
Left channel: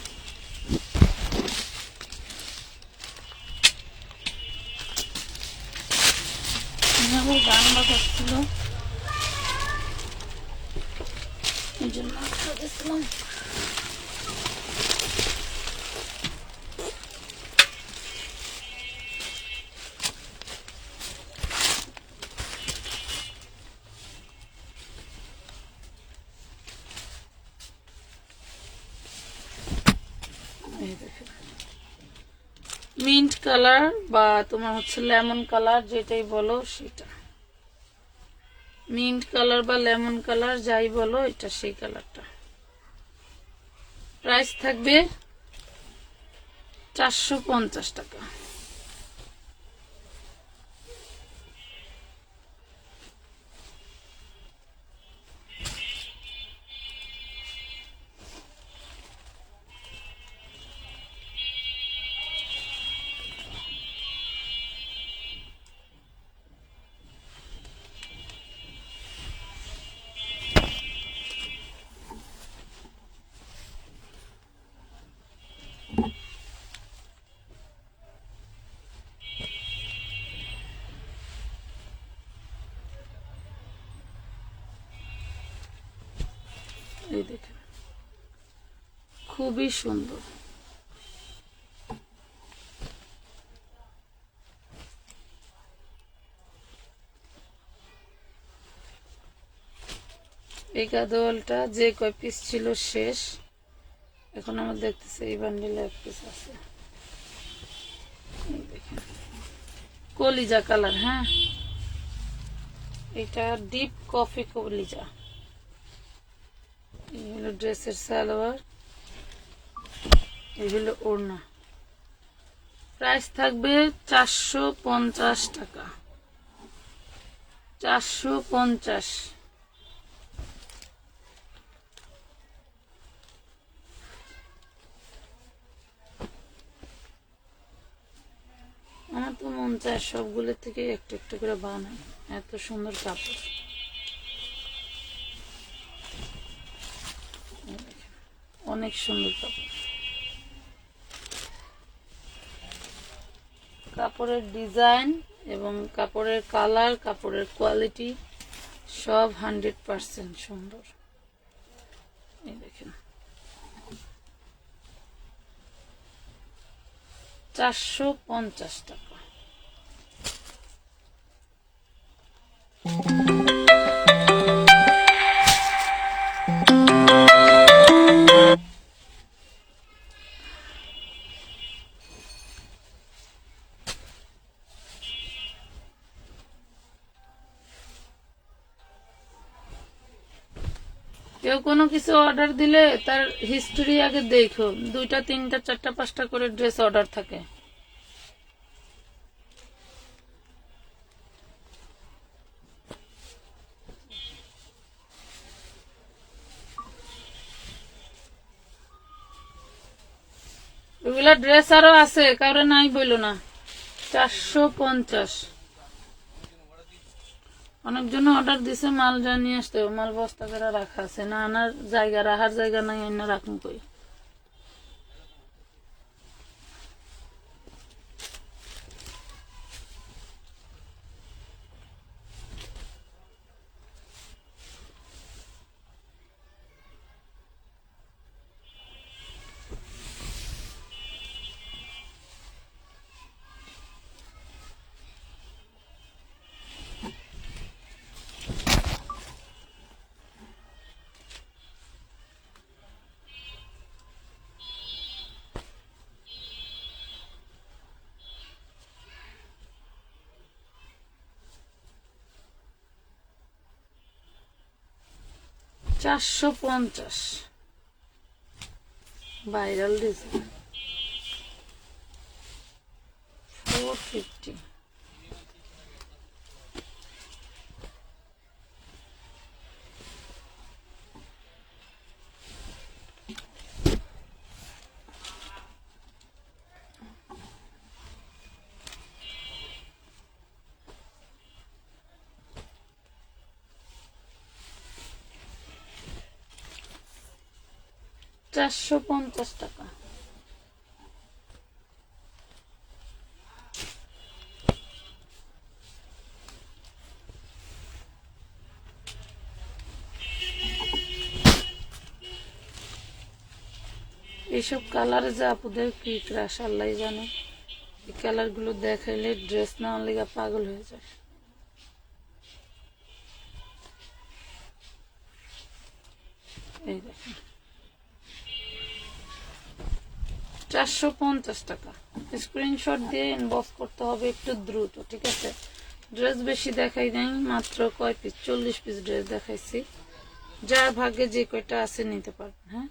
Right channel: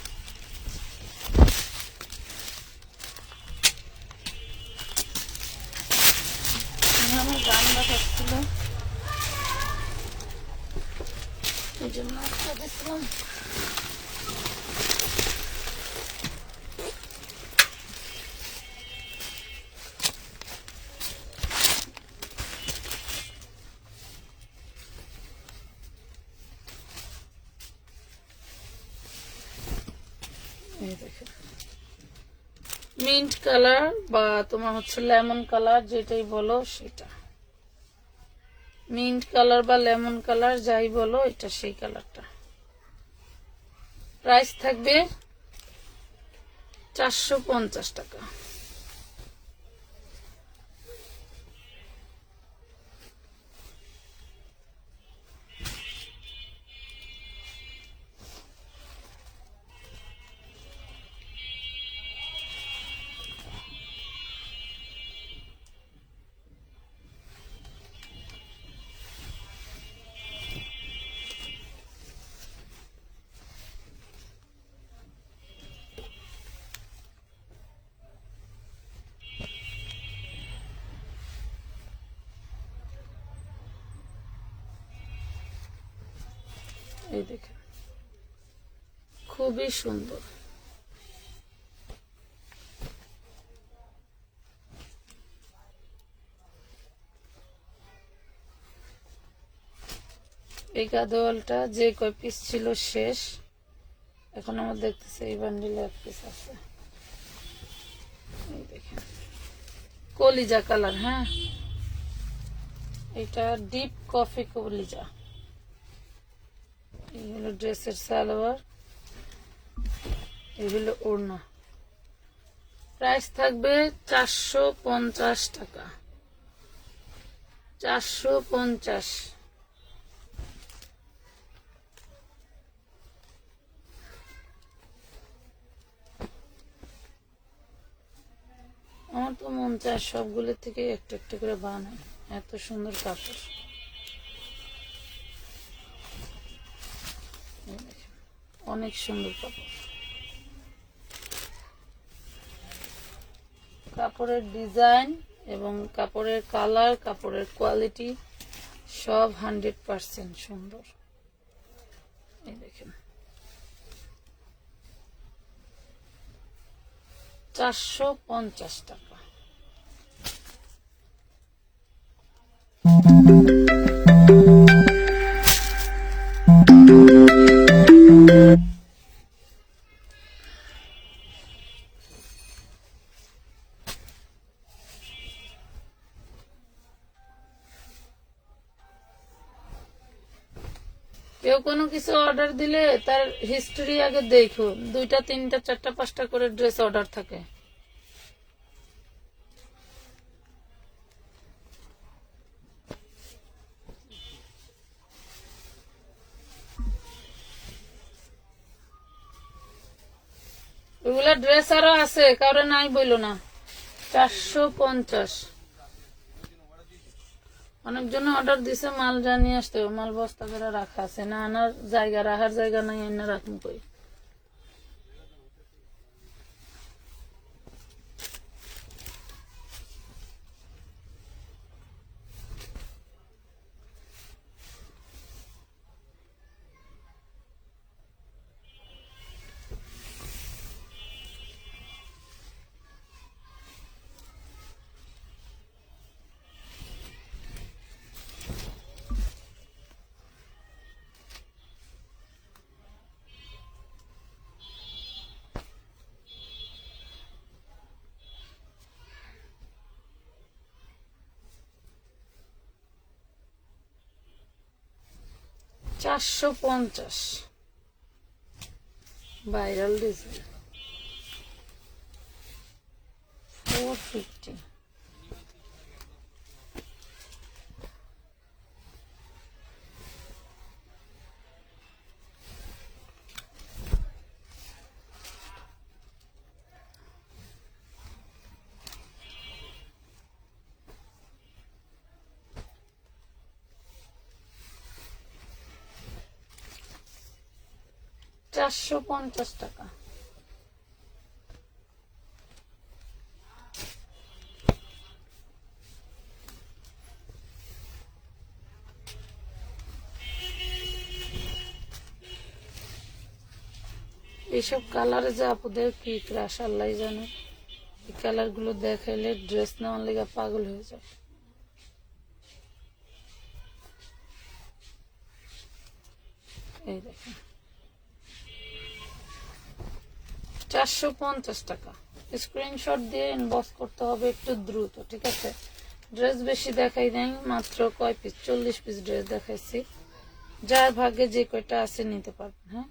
আমার গান বাজাচ্ছিল, এই জন্য বাজাচ্ছিলাম। মিন্ট কালার বা তোমার হচ্ছে লেমন কালার, যেটাই বলো সেটা। মিন্ট কালার বা লেমন কালার যাই বলো, এটা সেই কালারটা। প্রাইস থাকবে 450 টাকা। এই দেখেন খুবই সুন্দর। এই গাদোয়ালটা যে কয় পিস ছিল শেষ, এখন আমার দেখতেছে এই বান্ডিলে এক পিস আছে। এই দেখেন কলিজা কালার। হ্যাঁ, এটা ডিপ কফি কলিজা। এই হলো ড্রেসের সালোয়ার, এই হলো ওড়না। প্রাইস থাকবে 450 টাকা। 450। আমার তো মন চায় সবগুলো থেকে একটু একটু করে বানাই, এত সুন্দর কাপড়। অনেক সুন্দর কাপড়, কাপড়ের ডিজাইন এবং কাপড়ের কালার, কাপড়ের কোয়ালিটি সব 100% সুন্দর। এই দেখেন 450 টাকা। কেউ কোনো কিছু অর্ডার দিলে তার হিস্ট্রি আগে দেখো, 2টা 3টা 4টা 5টা করে ড্রেস অর্ডার থাকে। এগুলা ড্রেস আরো আছে, কারো নাই বইলো না। 450। অনেকজন অর্ডার দিছে, মাল যা নিয়ে আসতে হবে, মাল বস্তা করে রাখা আছে, না আনার জায়গা, রাখার জায়গা নাই, এনে রাখুন কই। $450 ভাইরাল ডিজাইন। 450। $450। এইসব কালারে যে আপুদের কি ক্রাশ আল্লাহ জানে, এই কালার গুলো দেখাইলে ড্রেস না লেগে পাগল হয়ে যায়। এই দেখেন 450 টাকা। স্ক্রিনশট দিয়ে ইনবক্স করতে হবে একটু দ্রুত, ঠিক আছে? ড্রেস বেশি দেখাই নাই, মাত্র কয় পিস, 40 পিস ড্রেস দেখাইছি। যার ভাগ্যে যে কয়টা আছে নিতে পারবেন। হ্যাঁ,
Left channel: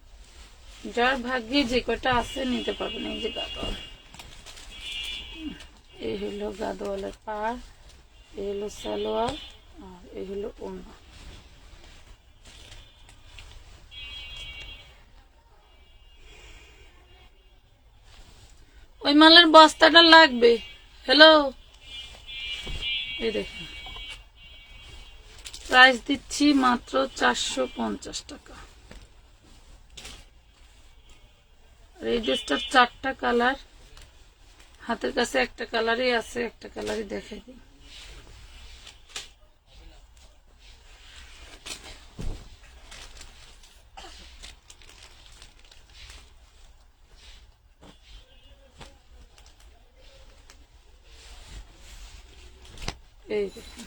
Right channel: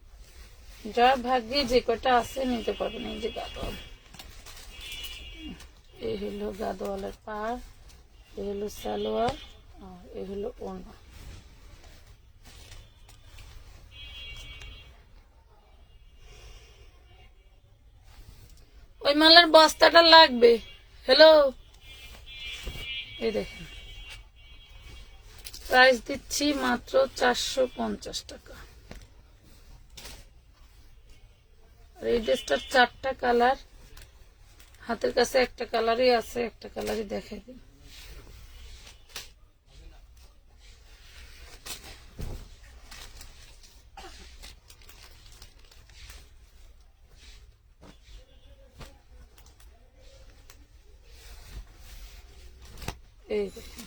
যার ভাগ্যে যে কয়টা আছে নিতে পারবেন। এই যে গাদোয়াল, এই হলো গাদোয়ালের পাড়, এই হলো সালোয়ার, আর এই হলো ওড়না। ওই মালের বস্তাটা লাগবে। হ্যালো, এই দেখুন প্রাইস দিচ্ছি মাত্র 450 টাকা। এই ড্রেসটার 4টা কালার, হাতের কাছে একটা কালারই আছে, একটা কালারই দেখাই দিই। এই দেখুন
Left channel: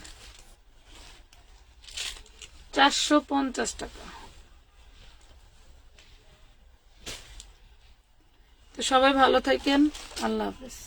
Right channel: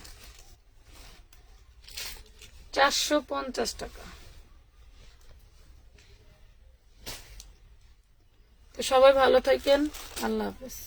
450 টাকা। তো সবাই ভালো থাকেন, আল্লাহ হাফেজ।